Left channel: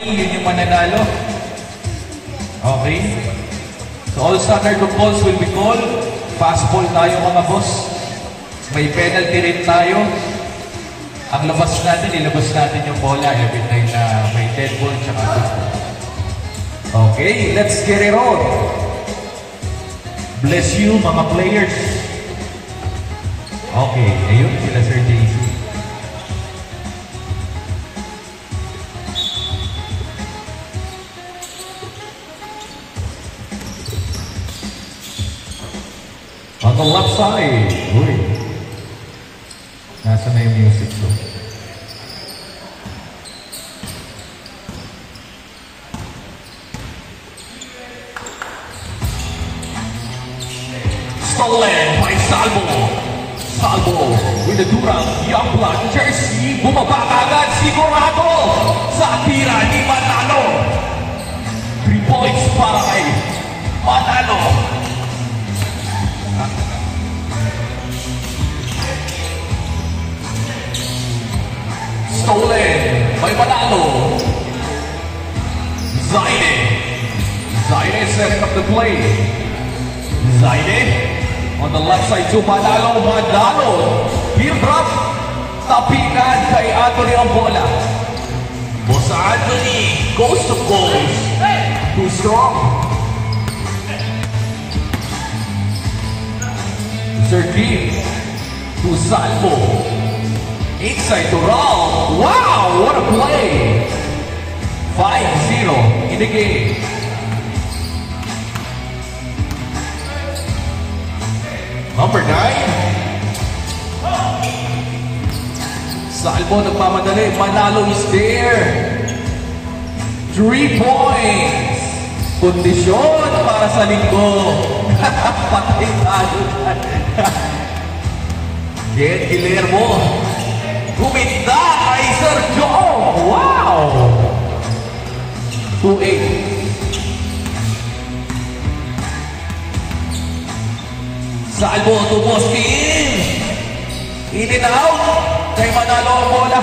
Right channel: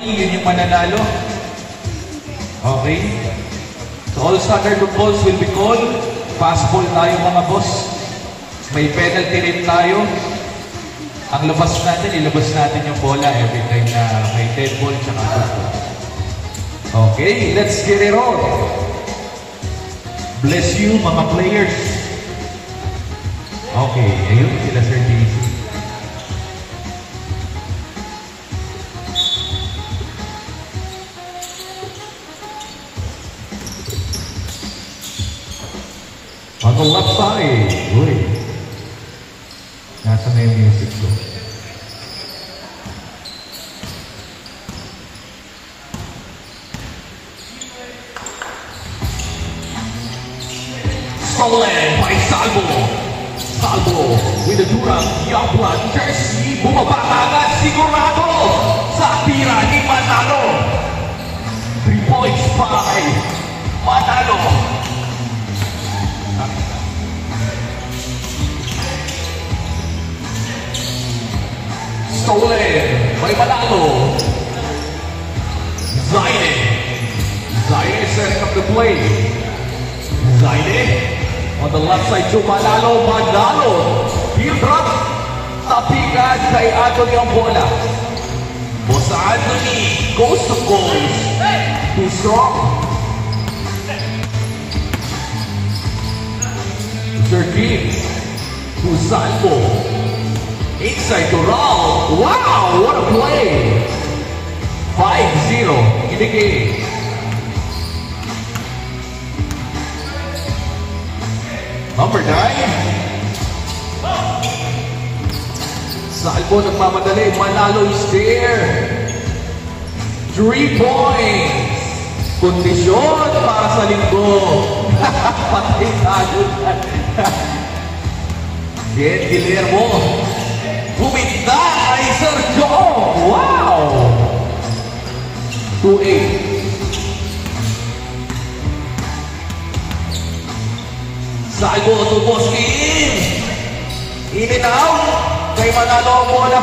Yun yung mananalo. Okay? So all standard of balls will be called. Fast ball tayo mga boss. May penalty rin tayo. Ang labas natin, ilabas natin yung bola every time na may dead ball tsaka fast ball. Okay, let's get it on. Bless you mga players. Okay, ayun sila Sir JC. On the left side. Uy. Nasa na yung music so. Stolen by Salvo. Salvo with the Durang Youngblood jersey. Bumaba agad sigurado sa tira ni Manalo. 3 points para kay Manalo. Stolen by Manalo. Zaide. Zaide sets up the play. Zaide on the left side to Manalo. Manalo. Heel drop. Tapikan kay Anthony ang bola. Bosa Anthony goes to goals. Too strong. Sergin to Salvo. Inside to Raul. Wow, what a play. 5-0 in the game. Number 9. Salvo nagmamadali. Manalo is there. 3 points. Kondisyon para sa linggo. Patay tayo. Get Guillermo. Kuminta kay Sergio. Wow! 2-8. Salvo to Boskin. In and out. Kay Manalo ang bola.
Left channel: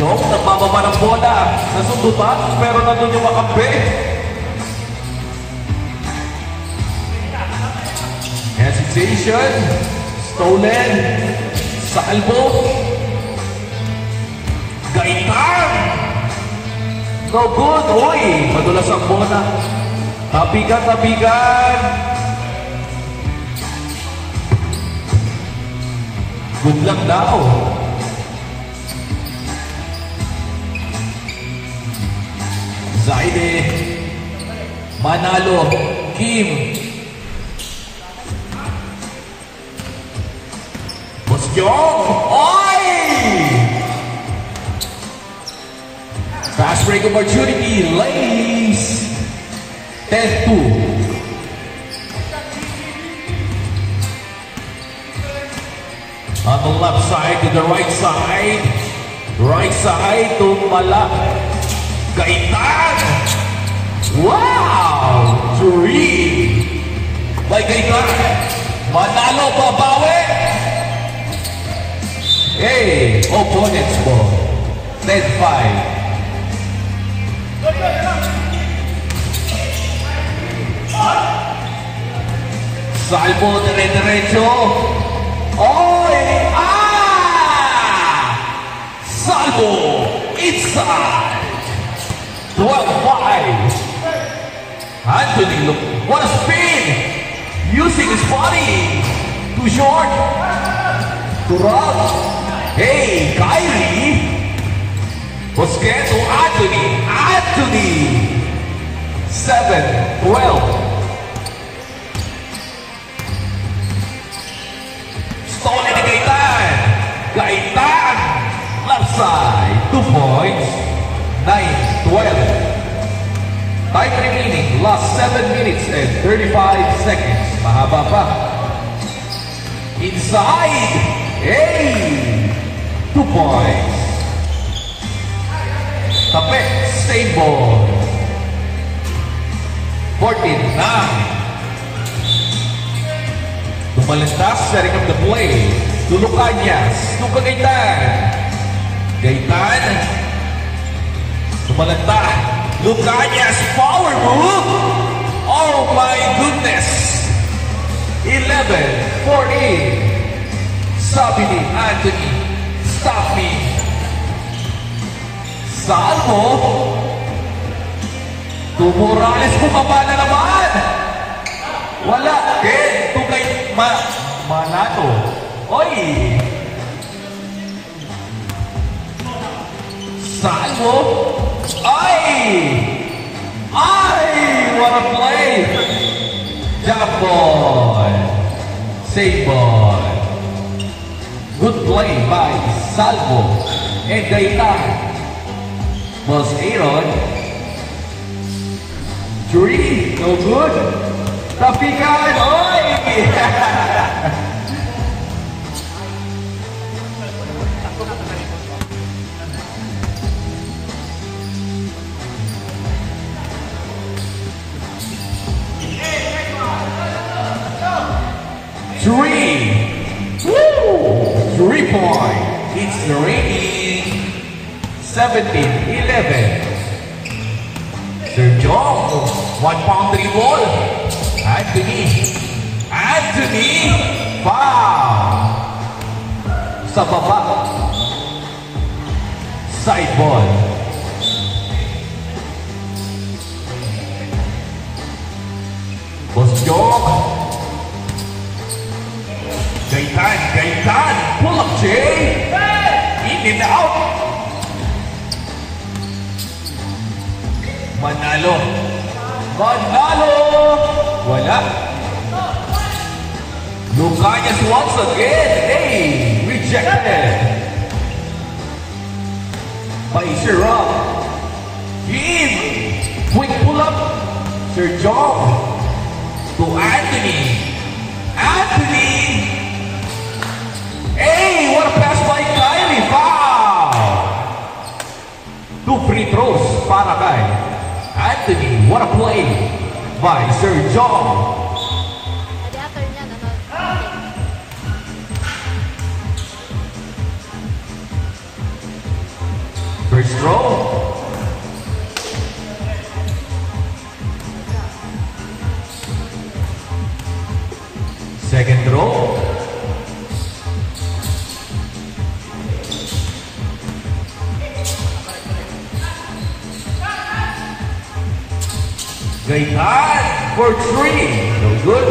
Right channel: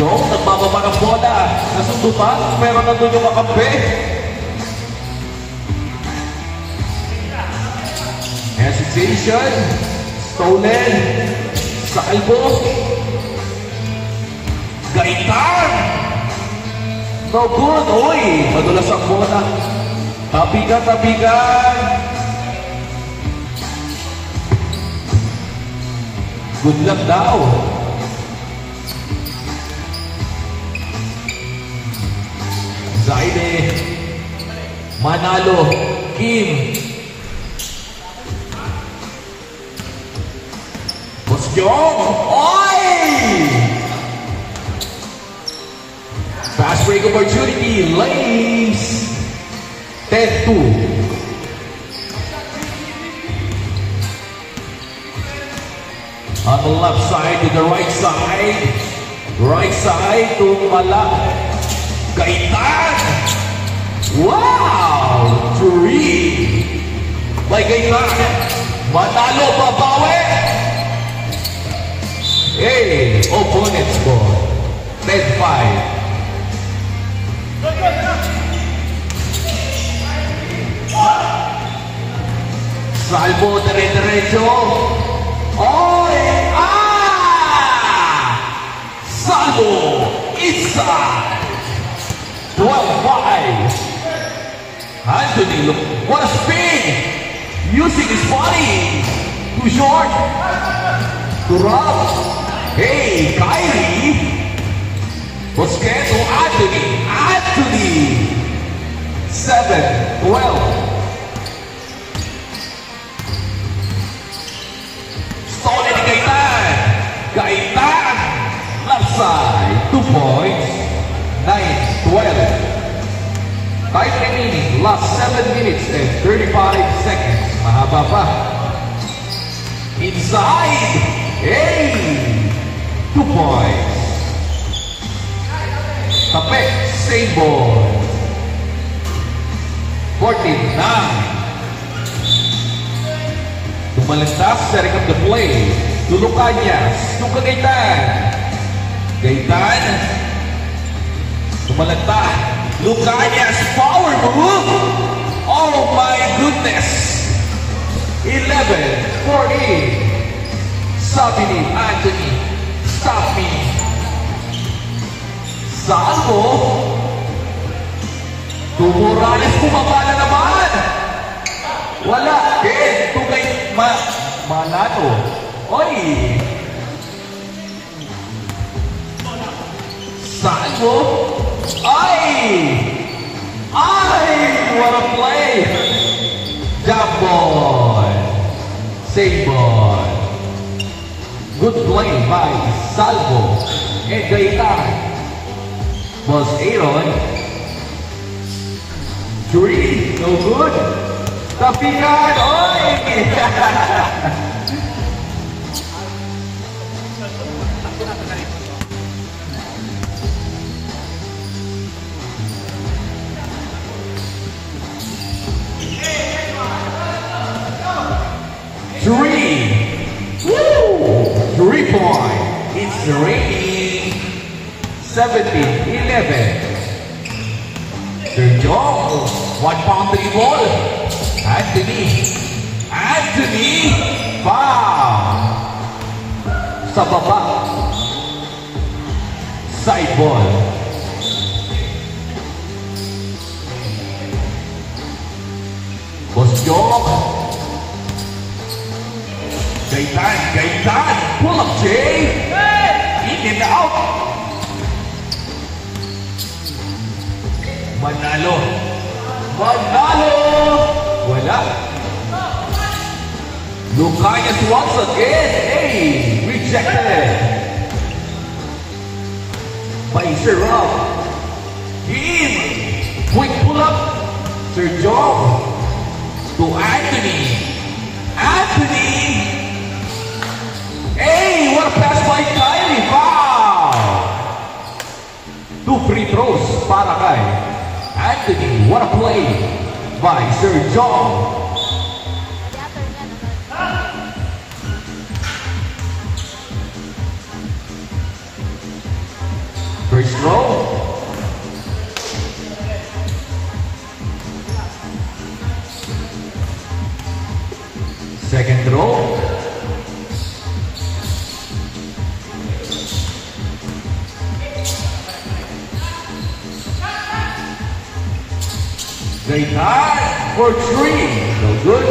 Jong nagbababa ng bola. Nasundutan pero nandun yung makampi. Hesitation. Stolen. Salvo. Gaitan. No good. Uy, madulas ang bola. Tapigan, tapigan. Good luck daw. Zaide. Manalo. Kim. Boskyong. Oy! Fast break opportunity. Ladies. 10-2. On the left side to the right side. Right side to Malak. Gaitan. Wow! 3. By Gaitan. Manalo babawi. Hey, opponent's ball. 10-5. Salvo dire-diretso. Oy! Ah! Salvo inside. 12-5. Anthony, look. What a spin. Using his body. Too short. To Rob. Hey, Kyrie. Busquets to Anthony. Anthony. 7-12. Stolen ni Gaitan. Gaitan. Left side. 2 points. 9-12. Time remaining. Last 7 minutes and 35 seconds. Mahaba pa. Inside. Hey. 2 points. Tapek. Same ball. 14-9. Tumalintas, setting up the play. To Lucanyas, to Cagayan. Gaitan. Tumalagta. Lucanias power move. Oh my goodness. 11-14. Sabi ni Anthony, stop me. Saan mo? Tumurales, bumaba na naman. Wala. Ken, tugay, Manalo. Oy. Saan mo? Ay! Ay! What a play! Jump ball. Save ball. Good play by Salvo and Gaitan. Was Aaron. 3, no good. Tapikan, oy! Three point. It's raining. 17-11. Sir John, 1 pound 3 ball. Anthony, foul. Sa baba. Side ball. Boss John. Gaitan, pull up Jay. In and out. Manalo. Wala. Lucanias once again. Hey, rejected. By Sir Rob. Quick pull up. Sir John. To Anthony. Hey, what a pass by Kylie. Foul. 2 free throws para kay Anthony. What a play by Sir John. First row. Second row. Gaitan for 3. No good.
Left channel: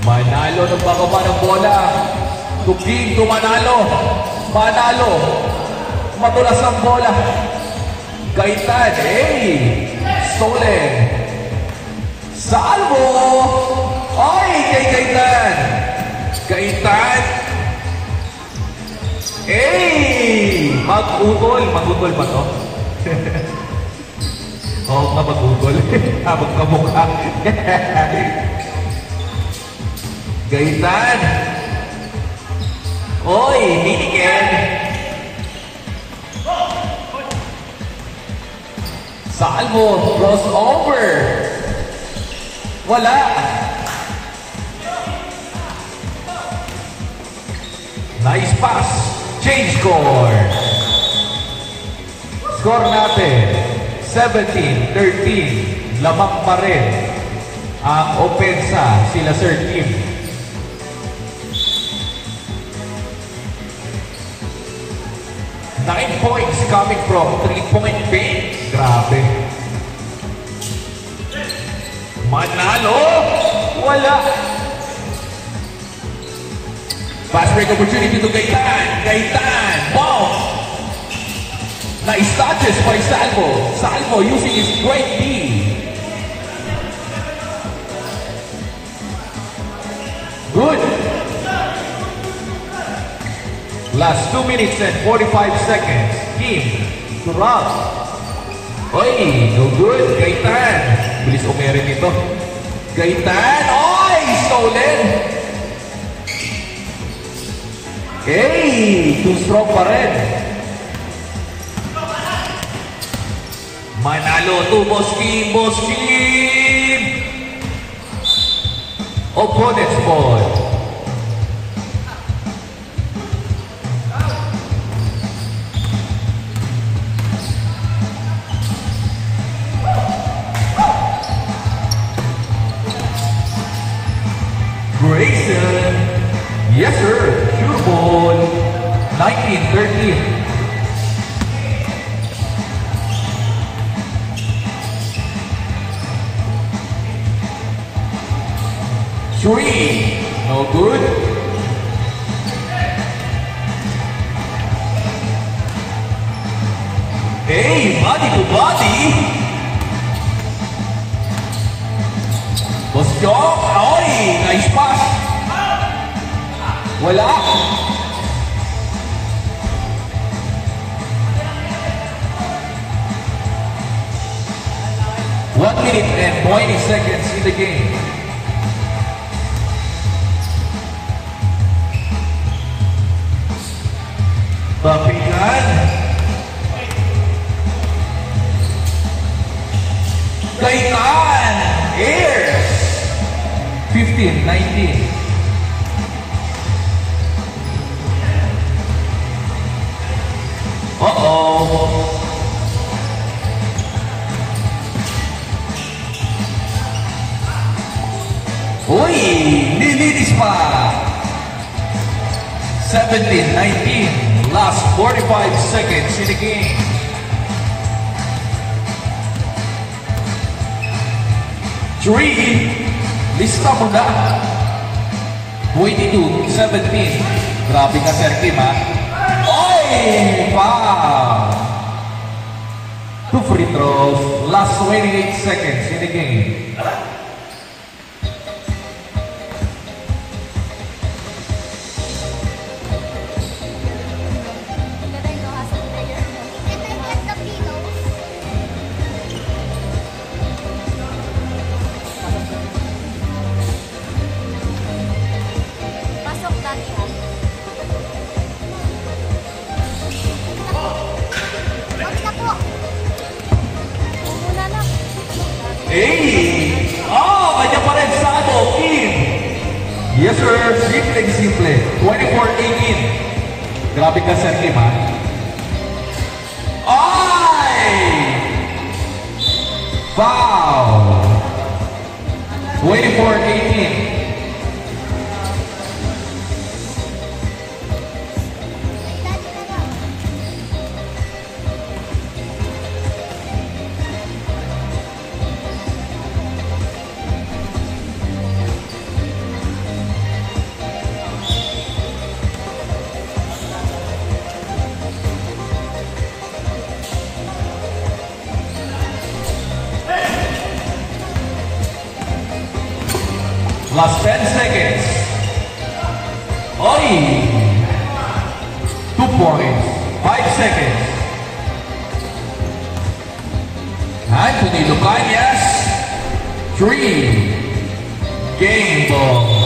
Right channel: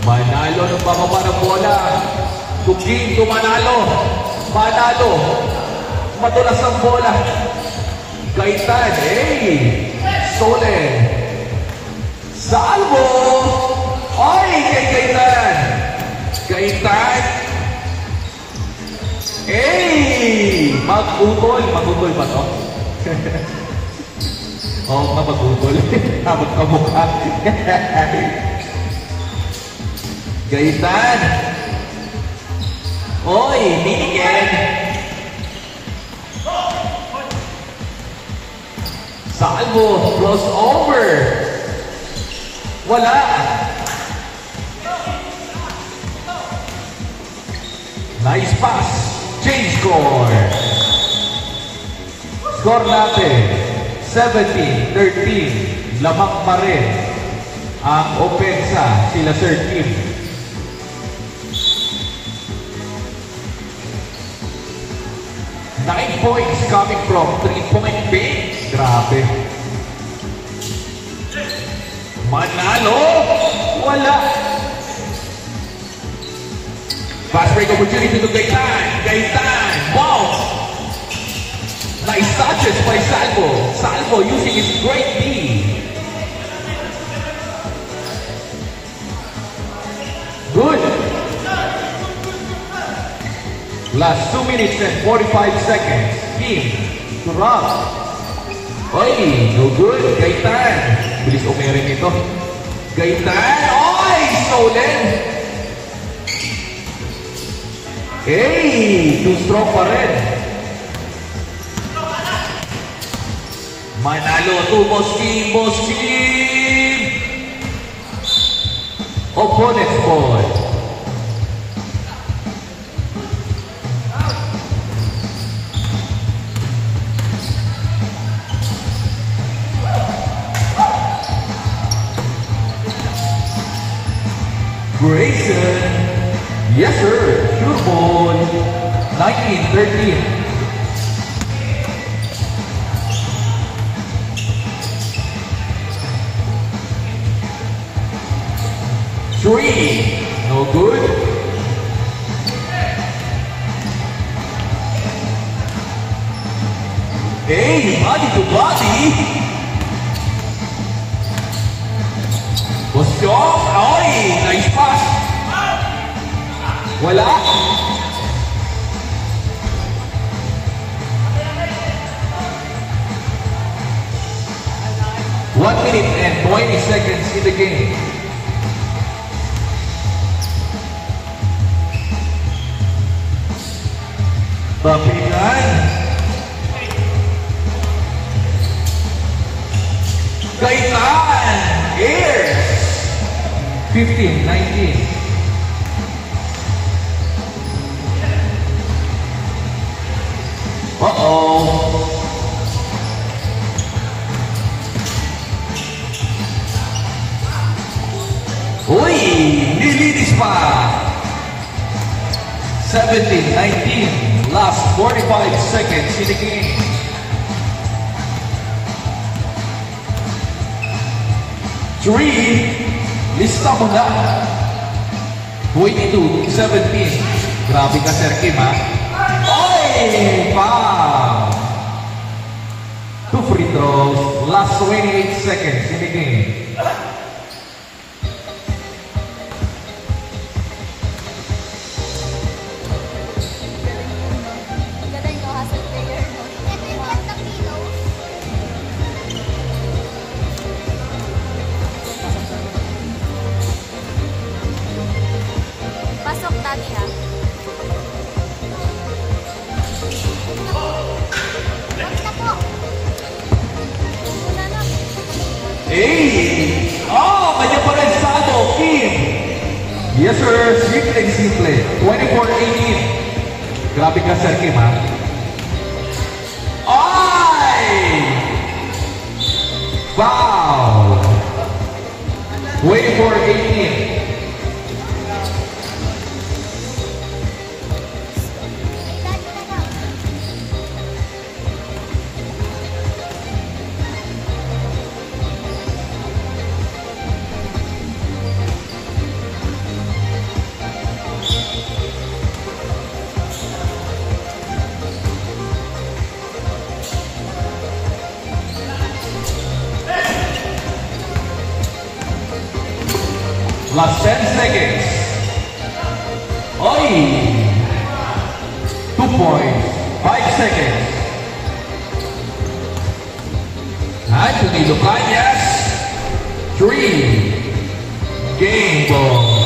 Manalo ng pangaba ng bola. Tuking to Manalo. Matulas ang bola. Gaitan. Hey! Solen. Salvo. Ay! Kay Gaitan. Hey! Magutol pa to. Oo nga, mag-google. Magkamukha. Gaitan. Oy, Miguel. Salvo, crossover. Wala. Nice pass. Change score. Score natin. 17-13, lamang pa rin ang opensa sila Sir Kim. Nine points coming from 3-point paint. Grabe. Manalo, wala. Fast break opportunity to Gaitan, bounce. Nice touches by Salvo. Salvo using his great knee. Good. Last 2 minutes and 45 seconds. Kim to Rob. Oy, no good. Gaitan. Bilis umiring ito. Gaitan. Oy, stolen. Hey, too strong pa rin. Manalo to Boskin. Opponent's ball. Grayson. Yes, sir. Sure ball. 19-13. Three. No good. Hey, body to body. Bosjong. Oy, nice pass. Wala. One minute and 20 seconds in the game. Tapigan. Kaitan. Airs. 15-19. Uh-oh. Uy, nilinis pa. 17-19. Last 45 seconds in the game. Three. Lista mo na. 22-17. Grabe ka, Sir Kim, ha? Oy! Foul! 2 free throws. Last 28 seconds in the game. Hey! Oh, kanya pa rin Sado, Kim! Yes, sir. Simple and simple. 24-18. Grabe ka, Sir Kim, ha? Ay! Foul! 24-18. Last 10 seconds. Oi! 2 points. 5 seconds. Anthony Lucanias. 3. Game ball.